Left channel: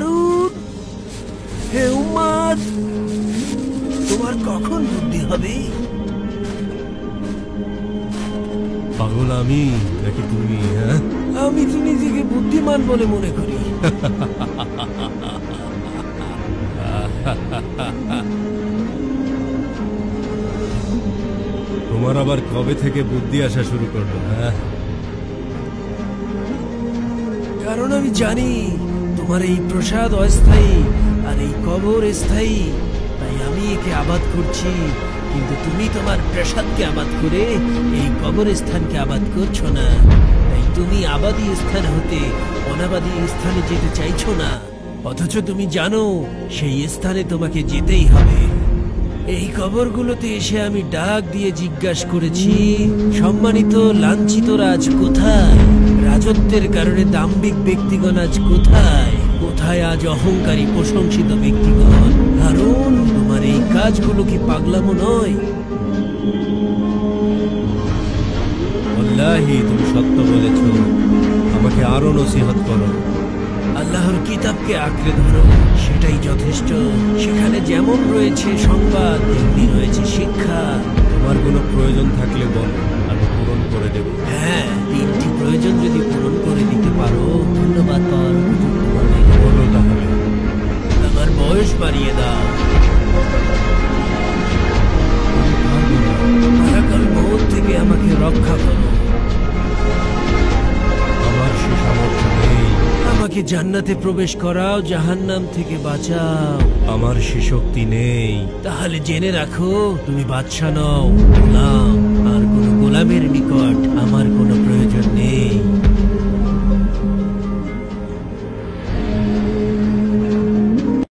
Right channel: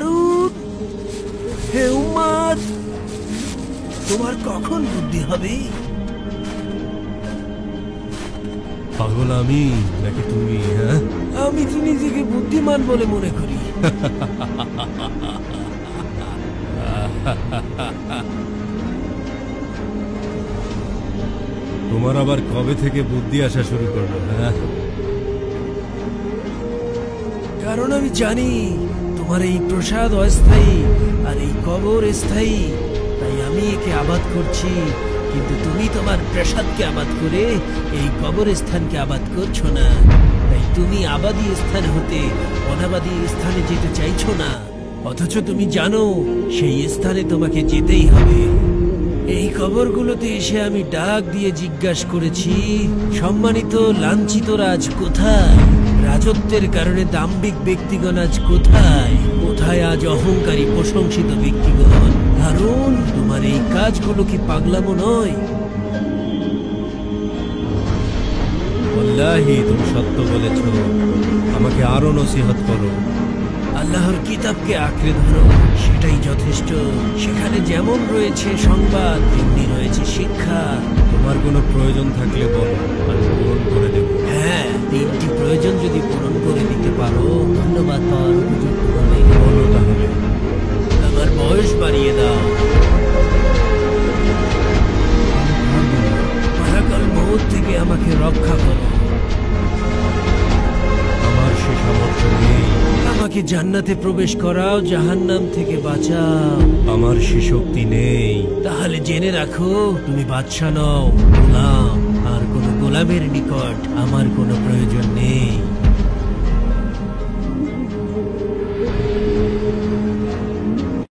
হারুন, হে উম্মত, তোমার কখন বুদ্ধি হবে? পাগল আমি নাকি তুমি? হ্যাঁ, আমি তো নিজেকে বুদ্ধিমান বলে মনে করি। তোমার আবার কবে থেকে বুদ্ধি আসা শুরু করলো? হ্যাঁ, কারণ আমি জানি তোমার এই প্রসাদ অস্থায়ী আর এই কবর স্থায়ী, তাই আমি একে আবাদ করছি। কিন্তু তুমি তোমার প্রসাদকে আবাদ করে এই কবরস্থানকে আবাদ করছো না। তাই তুমি আবাদী স্থান হতে অনাবাদী স্থানে যেতে চাইছো না, অথচ তুমি জানো সেই স্থানে তোমাকে যেতেই হবে। এই কবরগুলোতে এসে আমি ডাক দিয়ে জিজ্ঞাসা করেছি, সম্মানিত লাঞ্ছিত রাজ কোথায়? রাজত্বের কারণে দাম্ভিক ব্যক্তিগণ আজ কোথায়? কোথায় আজ অহংকারী প্রশংসিত ব্যক্তিগণ? হারুন, তোমার এই কাজগুলো কি পাগলামো নয়? ওয়াল্লাহি তুমি সত্য বলেছ। আমাকে আরো নসিহত করো। আল্লাহর কিতাবকে আঁকড়ে ধরো, সেটাই যথেষ্ট। সেখানে যেমন রয়েছে সংবাদ, তেমনি রয়েছে শিক্ষা। তোমার কোনো প্রয়োজন থাকলে বলো, আমি পূরণ করে দেব। হ্যাঁ, 3টি প্রয়োজন যদি পূরণ করে দিতে পারো, ধন্যবাদ পাওয়ার উপযুক্ত হবে। বলো তাহলে। আমার বয়স বাড়িয়ে দাও। আমি পারবো না। মালাকাল মউত থেকে আমাকে রক্ষা করো। আমার সে সামর্থ্য নেই। আমাকে জান্নাতে প্রবেশ করাও, জাহান্নাম থেকে বাঁচাও। আমার সে শক্তি নেই। তাহলে জেনে রাখো, তুমি বাদশা নও, গোলাম। আর কোনো গোলামের নিকট আমার কোনো প্রয়োজন নেই।